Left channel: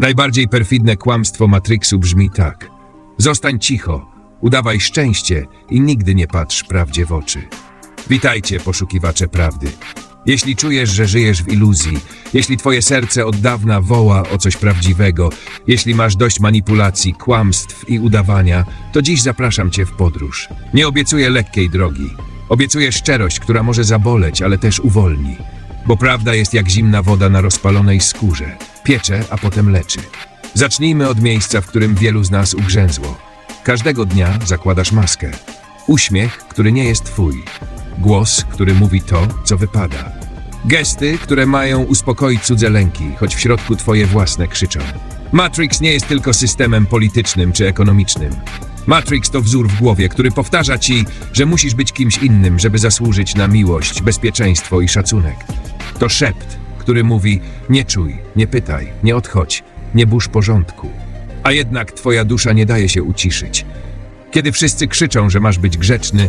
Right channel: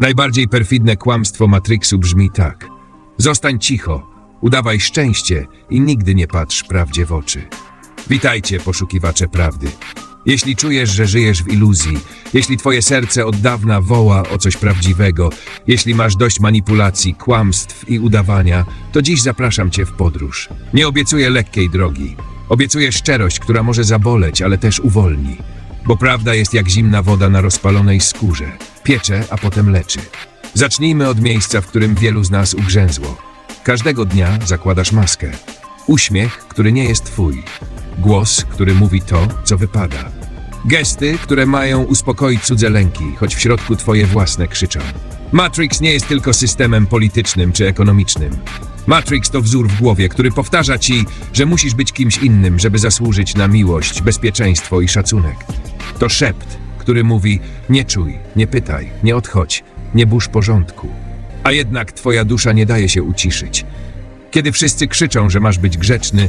Najbardziej perfidne kłamstwo Matrixu brzmi tak. Zostań cicho, udawaj szczęście i nigdy nie patrz prawdzie w oczy. Witajcie, poszukiwacze prawdy. Jeśli czujesz, że żyjesz w iluzji, jeśli twoje serce od dawna woła o coś prawdziwego, jeśli masz dość manipulacji, kłamstw i udawania, to dziś zapraszam cię w podróż. Nie obiecuję lekkiej drogi. Obiecuję szczerość, która może zaboleć, ale też uwolni. Bo prawda jest jak zimna woda na rozpalonej skórze. Piecze, a potem leczy. Zacznijmy od miejsca, w którym wielu z nas ugrzęzło. Każdego dnia zakładasz maskę. Uśmiech, który nie jest twój. Głos, który mówi to, co wypada. Gesty, które mają uspokoić cudze lęki, choć w środku twoje własne krzyczą. Matrix nie jest tylko systemem politycznym czy ekonomicznym. Matrix to wzór w głowie, który powtarza ci, że musisz być kimś innym, żeby zasłużyć na miłość, bezpieczeństwo i szacunek. To szept, który mówi: nie czuj, nie pytaj, nie odchodź, nie burz porządku. A jednak twoja dusza nie daje się uciszyć. Kiedy wszyscy krzyczą, że masz być grzeczny,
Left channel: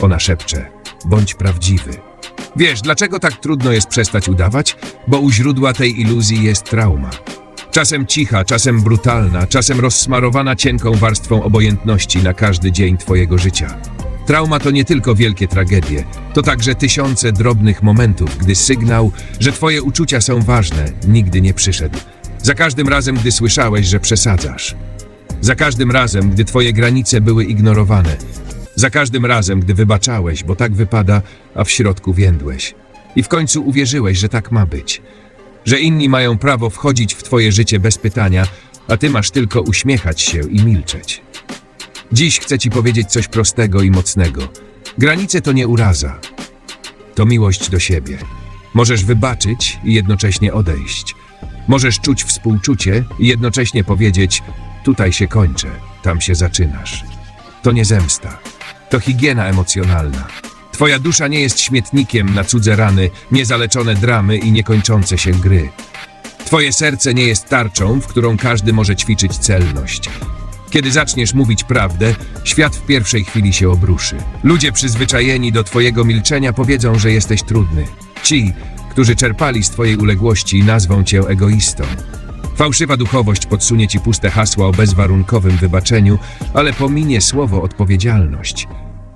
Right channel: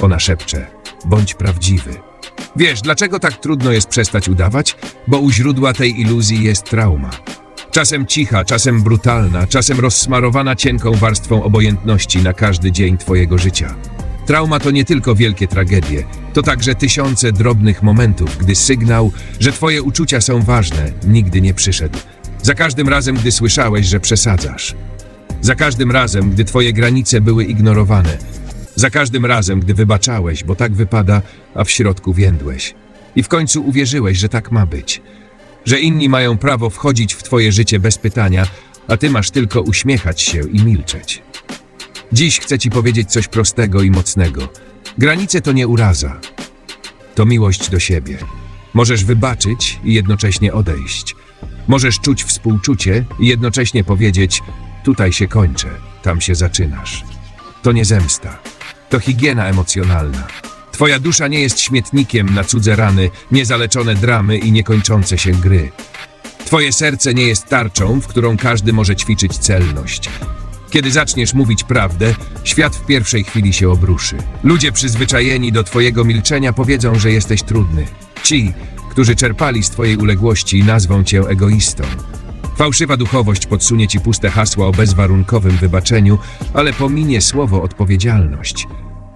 ona szepcze: bądź prawdziwy. Wiesz, dlaczego tak trudno jest przestać udawać? Bo u źródła tej iluzji jest trauma. Czasem cicha, czasem brutalna, czasem rozsmarowana cienką warstwą obojętności na każdy dzień twojego życia. Trauma to nie tylko wielkie tragedie, to także tysiące drobnych momentów, gdy sygnał, że twoje uczucia są ważne, nigdy nie przyszedł. Za każdym razem, gdy słyszałeś, że przesadzasz. Za każdym razem, gdy twoje granice były ignorowane. Za każdym razem, gdy wybaczałeś, bo tak wypada, a w środku więdłeś. I w końcu uwierzyłeś, że tak ma być. Że inni mają prawo wchodzić w twoje życie bez pytania, a ty masz tylko uśmiechać się i milczeć. Dziś chcę ci powiedzieć coś prostego i mocnego. Granice to nie uraza. To miłość do siebie. Możesz wybaczyć i jednocześnie odejść. Możesz czuć współczucie i jednocześnie powiedzieć: Tutaj się kończę, tam się zaczynasz. To nie zemsta. To higiena emocjonalna. Twoja dusza nie jest śmietnikiem na cudze rany, niezaleczone dramy i niekończące się gry. Twoje serce nie jest tarczą, w którą każdy może ćwiczyć celność. Kiedy zaczniesz mówić prawdę, świat w pierwszej chwili się obruszy. Ludzie przyzwyczajeni do Twojego milczenia powiedzą, że jesteś trudny. Ci, którzy czerpali z Twojej uległości, nazwą Cię egoistą. Fałszywa duchowość podsunie Ci puste hasła o bezwarunkowym wybaczeniu, ale pominie słowo odpowiedzialność.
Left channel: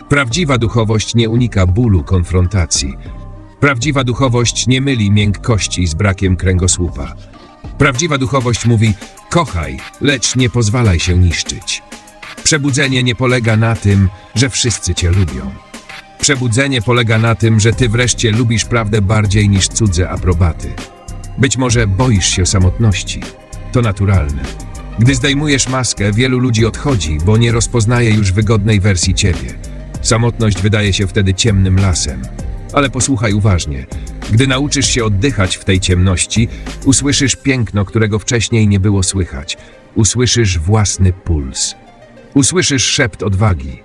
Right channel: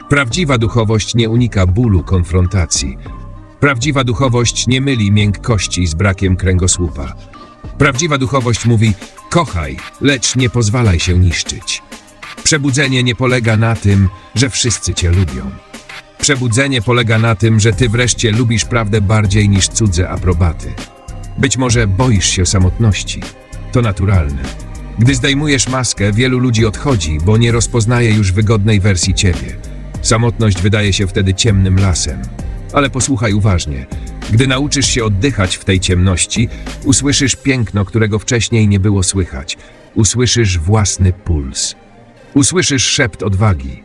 Prawdziwa duchowość nie unika bólu konfrontacji. Prawdziwa duchowość nie myli miękkości z brakiem kręgosłupa. Prawdziwa duchowość mówi: kochaj, lecz nie pozwalaj się niszczyć. Przebudzenie nie polega na tym, że wszyscy cię lubią. Przebudzenie polega na tym, że ty wreszcie lubisz prawdę bardziej niż cudze aprobaty. Być może boisz się samotności. To naturalne. Gdy zdejmujesz maskę, wielu ludzi odchodzi, bo nie rozpoznaje już wygodnej wersji ciebie. Samotność wydaje się wtedy ciemnym lasem. Ale posłuchaj uważnie. Gdy nauczysz się oddychać w tej ciemności, usłyszysz piękno, którego wcześniej nie było słychać. Usłyszysz własny puls. Usłyszysz szept odwagi.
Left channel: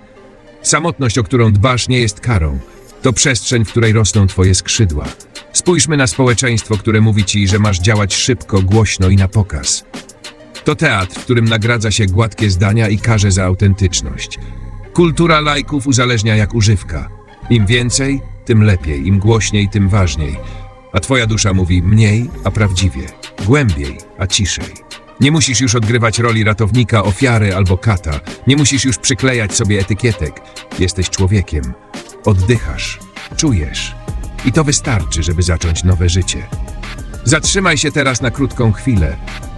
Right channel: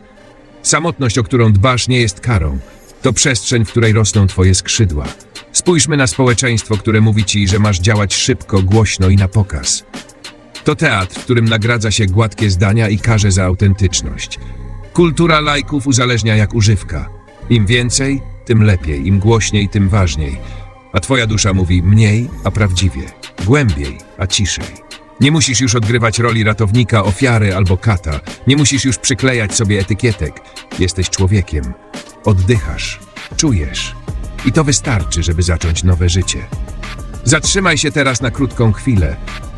Samotność, o którą dbasz, nie jest karą. To przestrzeń, w której rosną twoje skrzydła. Spójrzmy na społeczeństwo, które mówi ci, że masz działać szybko, głośno i na pokaz. To teatr, w którym nagradza się gładkie zdania i karze za autentyczność. Kultura lajków uzależnia jak używka. Im więcej, tym lepiej, im głośniej, tym ważniej. A twoja dusza mówi mniej, a prawdziwie, głębiej, a ciszej. Nie musisz już odgrywać roli ratownika, ofiary albo kata. Nie musisz już przyklejać sobie etykietek. Jesteś człowiekiem. Oddychasz, czujesz. I to wystarczy, żeby zacząć nowe życie. Zatrzymaj się teraz na krótką chwilę.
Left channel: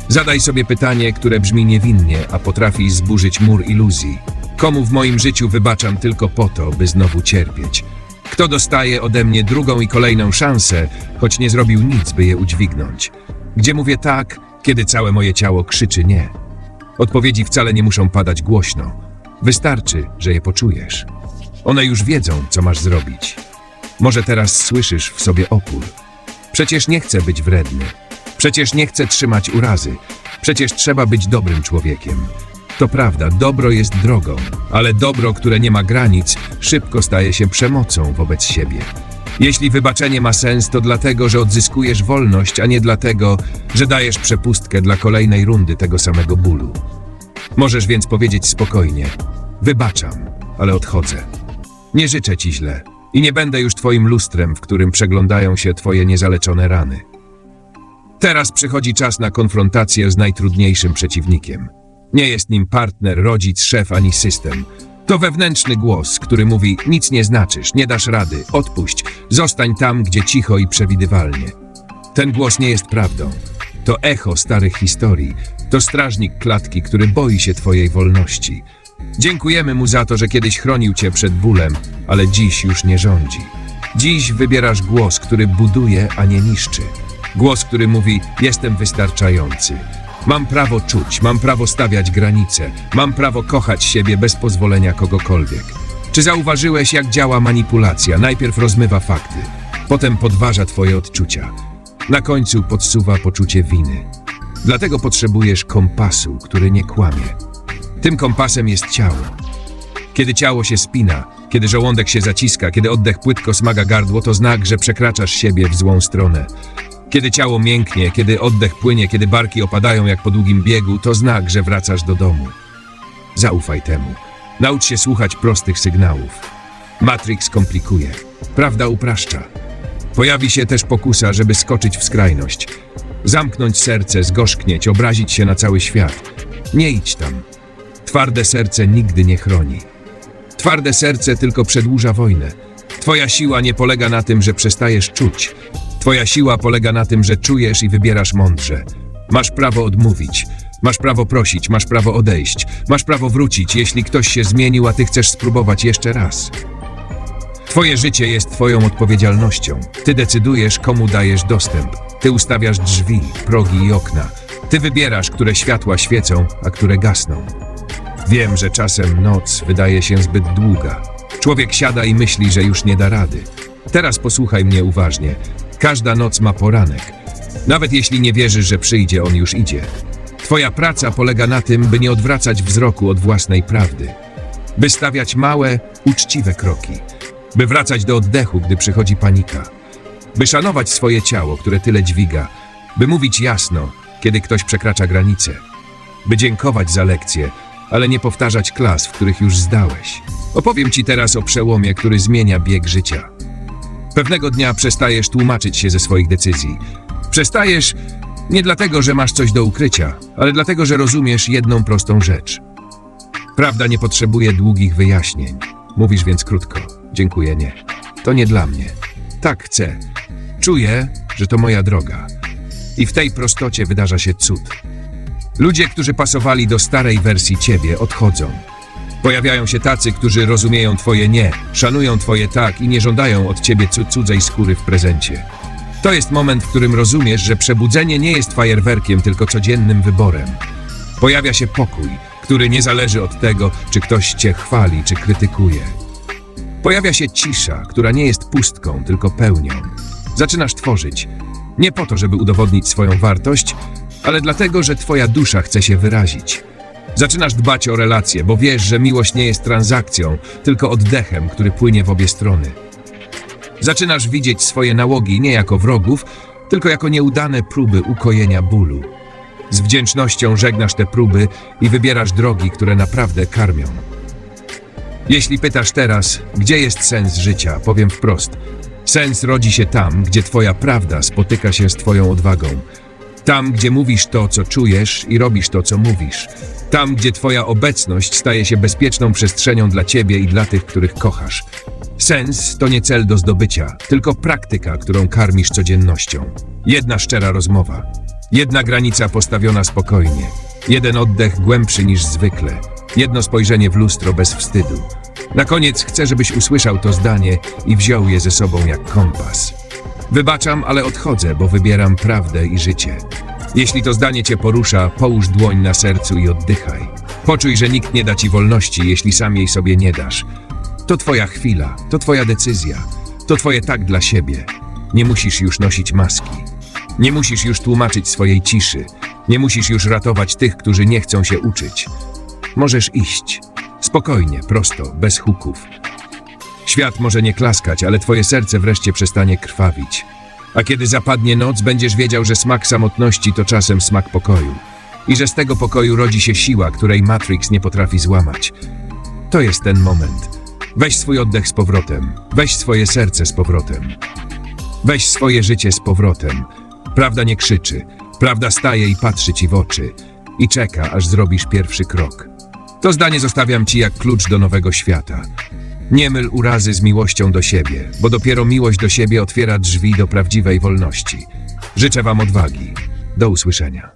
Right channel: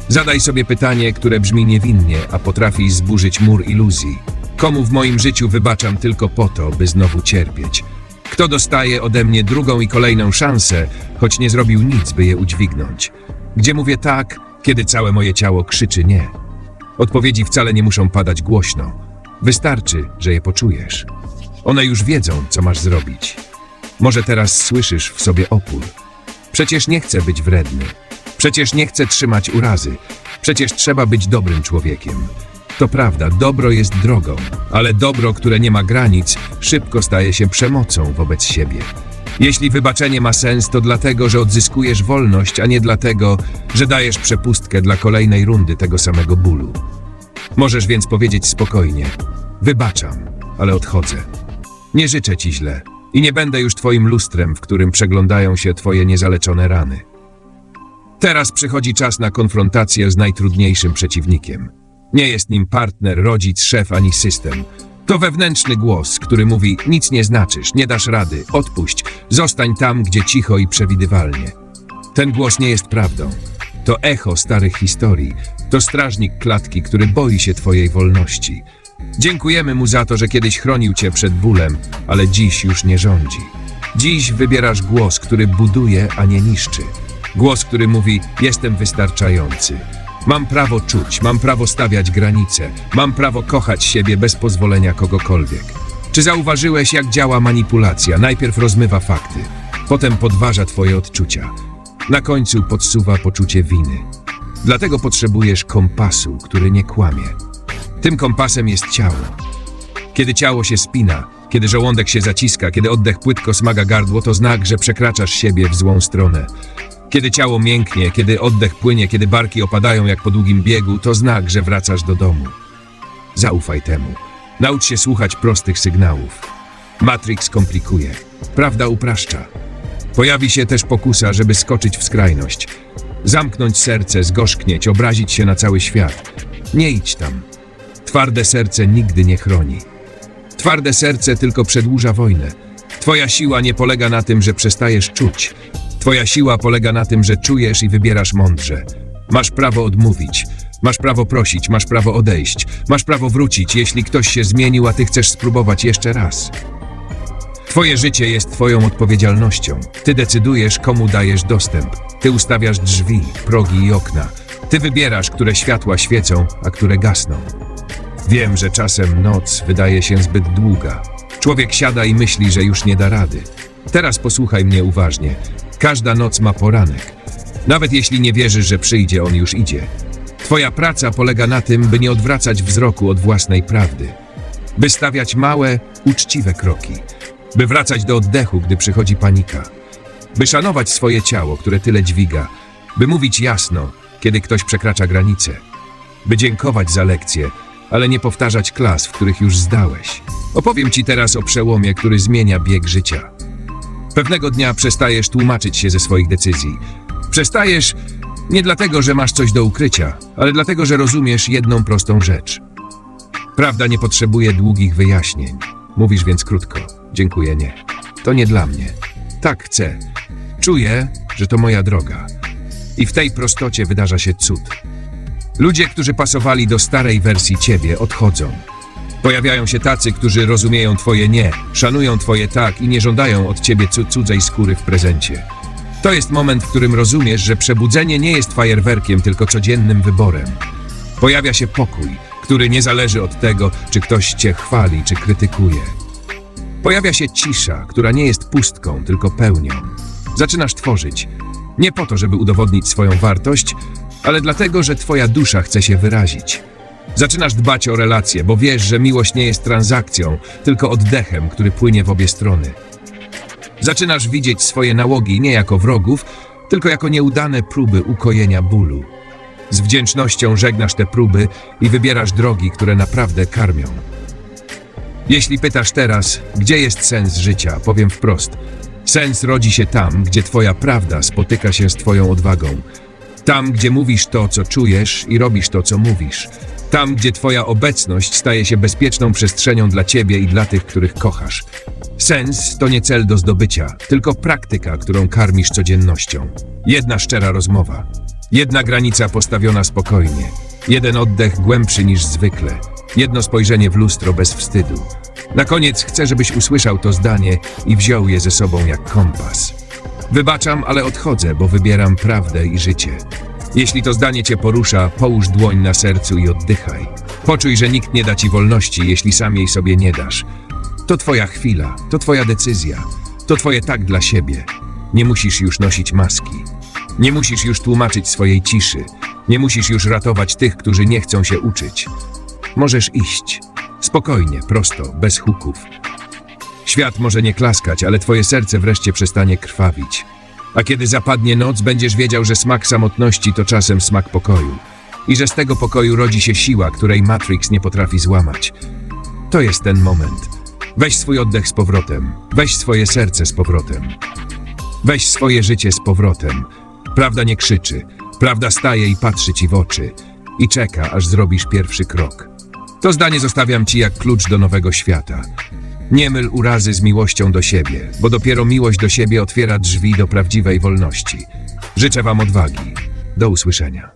Zadaj sobie pytanie, które brzmi niewinnie, a potrafi zburzyć mur iluzji. Komu w moim życiu wybaczam tylko po to, by znowu cierpieć? Kto dostaje ode mnie drugą i kolejną szansę, choć nie zrobił nic, by je udźwignąć? Gdzie mówię tak, kiedy całe moje ciało krzyczy nie? Odpowiedzi wcale nie muszą padać głośno. Wystarczy, że je poczujesz. One już wiedzą, co masz zrobić. Może teraz słyszysz w sobie opór. Przecież nie chcę być wredny. Przecież nie chcę trzymać urazy. Przecież trzeba być dobrym człowiekiem. To prawda, dobro jest drogą, ale dobro, które nie ma granic, szybko staje się przemocą wobec siebie. Jeśli wybaczenie ma sens, to dlatego, że odzyskujesz wolność, a nie dlatego, że dajesz przepustkę dla kolejnej rundy tego samego bólu. Możesz więc powiedzieć spokojnie: Wybaczam, ale odchodzę. Nie życzę ci źle i nie będę już twoim lustrem, w którym przeglądają się twoje niezaleczone rany. Teraz przychodzi czas na konfrontację z najtrudniejszym przeciwnikiem. Nie jest nim partner, rodzic, szef ani system. To wewnętrzny głos, który mówi: Nic nie znaczysz, nie dasz rady, odpuść, zostań tam, gdzie cicho i przewidywalnie. Ten głos nie jest prawdą. To echo starych historii. To strażnik klatki, który boi się Twojej wolności. Dziękujemy mu za to, że kiedyś chronił Cię przed bólem, ale dziś już nie rządzi. Dziś wybierasz głos, który buduje, a nie niszczy. Głos, który mówi: Jestem wystarczający. Mam prawo czuć, mam prawo stawiać granice, mam prawo kochać siebie bez pozwolenia kogokolwiek. Czy zauważyłeś, jak działa manipulacja? Najpierw rozmywa fakty, potem podważa Twoje odczucia. Na końcu podsuwa poczucie winy. Dlatego potrzebujesz kompasu, który nie kłamie. Tym kompasem jest ciało. Kiedy ciało się spina, kiedy żołądek się zaciska, kiedy oddech płytko smaga gardło, to znak, że przekraczasz siebie w złą stronę. Kiedy ciało mięknie, kiedy oddech płynie, kiedy barki opadają jak po długim biegu, to znak, że wracasz do domu. Zaufaj temu. Naucz się słuchać prostych sygnałów. Matrix komplikuje. Prawda upraszcza. Pojawi się też pokusa, żeby skoczyć w skrajność. Zamknąć serce, zgorzknieć, obrazić się na cały świat. Nie idź tam. Twarde serce nigdy nie chroni. Twarde serce tylko przedłuża wojnę. Twoja siła nie polega na tym, że przestajesz czuć. Twoja siła polega na tym, że czujesz i wybierasz mądrze. Masz prawo odmówić. Masz prawo prosić, masz prawo odejść. Masz prawo wrócić, jeśli ktoś się zmienił, a ty chcesz spróbować jeszcze raz. Twoje życie jest Twoją odpowiedzialnością. Ty decydujesz, komu dajesz dostęp. Ty ustawiasz drzwi, progi i okna. Ty wybierasz, które światła świecą, a które gasną. Wiem, że czasem noc wydaje się zbyt długa. Człowiek siada i myśli, że już nie da rady. Teraz posłuchaj mnie uważnie. Każda noc ma poranek. Nawet jeśli nie wierzysz, że przyjdzie, on już idzie. Twoja praca polega na tym, by nie odwracać wzroku od własnej prawdy. By stawiać małe, uczciwe kroki. By wracać do oddechu, gdy przychodzi panika. By szanować swoje ciało, które tyle dźwiga. By mówić jasno, kiedy ktoś przekracza granice. By dziękować za lekcje, ale nie powtarzać klas, w których już zdałeś. Opowiem ci teraz o przełomie, który zmienia bieg życia. Pewnego dnia przestajesz tłumaczyć się ze swoich decyzji. Przestajesz nie dlatego, że masz coś do ukrycia, ale dlatego, że rozumiesz jedną prostą rzecz. Prawda nie potrzebuje długich wyjaśnień. Mówisz więc krótko. Dziękuję, nie. To nie dla mnie. Tak chcę. Czuję, że to moja droga. I w tej prostocie wydarza się cud. Ludzie, którzy pasowali do starej wersji ciebie, odchodzą. Pojawiają się tacy, którzy rozumieją twoje nie, szanują twoje tak i nie żądają od ciebie cu- cudzej skóry w prezencie. To jest moment, w którym rozumiesz, że przebudzenie nie jest fajerwerkiem, tylko codziennym wyborem. Pojawia się pokój, który nie zależy od tego, czy ktoś cię chwali, czy krytykuje. Pojawia się cisza, która nie jest pustką, tylko pełnią. Zaczynasz tworzyć. Nie po to, żeby udowodnić swoją wartość, ale dlatego, że twoja dusza chce się wyrazić. Zaczynasz dbać o relacje, bo wiesz, że miłość nie jest transakcją, tylko oddechem, który płynie w obie strony. Zaczynasz widzieć swoje nałogi nie jako wrogów, tylko jako nieudane próby ukojenia bólu. Z wdzięcznością żegnasz te próby i wybierasz drogi, które naprawdę karmią. Jeśli pytasz teraz, gdzie jest sens życia, powiem wprost. Sens rodzi się tam, gdzie Twoja prawda spotyka się z Twoją odwagą. Tam, gdzie mówisz to, co czujesz i robisz to, co mówisz. Tam, gdzie Twoja obecność staje się bezpieczną przestrzenią dla Ciebie i dla tych, których kochasz. Sens to nie cel do zdobycia, tylko praktyka, którą karmisz codziennością. Jedna szczera rozmowa. Jedna granica postawiona spokojnie. Jeden oddech głębszy niż zwykle. Jedno spojrzenie w lustro bez wstydu. Na koniec chcę, żebyś usłyszał to zdanie i wziął je ze sobą jak kompas. Wybaczam, ale odchodzę, bo wybieram prawdę i życie. Jeśli to zdanie cię porusza, połóż dłoń na sercu i oddychaj. Poczuj, że nikt nie da ci wolności, jeśli sam jej sobie nie dasz. To twoja chwila, to twoja decyzja, to twoje tak dla siebie. Nie musisz już nosić maski. Nie musisz już tłumaczyć swojej ciszy. Nie musisz już ratować tych, którzy nie chcą się uczyć. Możesz iść. Spokojnie, prosto, bez huków. Świat może nie klaskać, ale twoje serce wreszcie przestanie krwawić. A kiedy zapadnie noc, będziesz wiedział, że smak samotności to czasem smak pokoju. I że z tego pokoju rodzi się siła, której Matrix nie potrafi złamać. To jest ten moment. Weź swój oddech z powrotem. Weź swoje serce z powrotem. Weź swoje życie z powrotem. Prawda nie krzyczy. Prawda staje i patrzy ci w oczy. I czeka, aż zrobisz pierwszy krok. To zdanie zostawiam ci jak klucz do nowego świata. Nie myl urazy z miłością do siebie, bo dopiero miłość do siebie otwiera drzwi do prawdziwej wolności. Życzę wam odwagi. Do usłyszenia.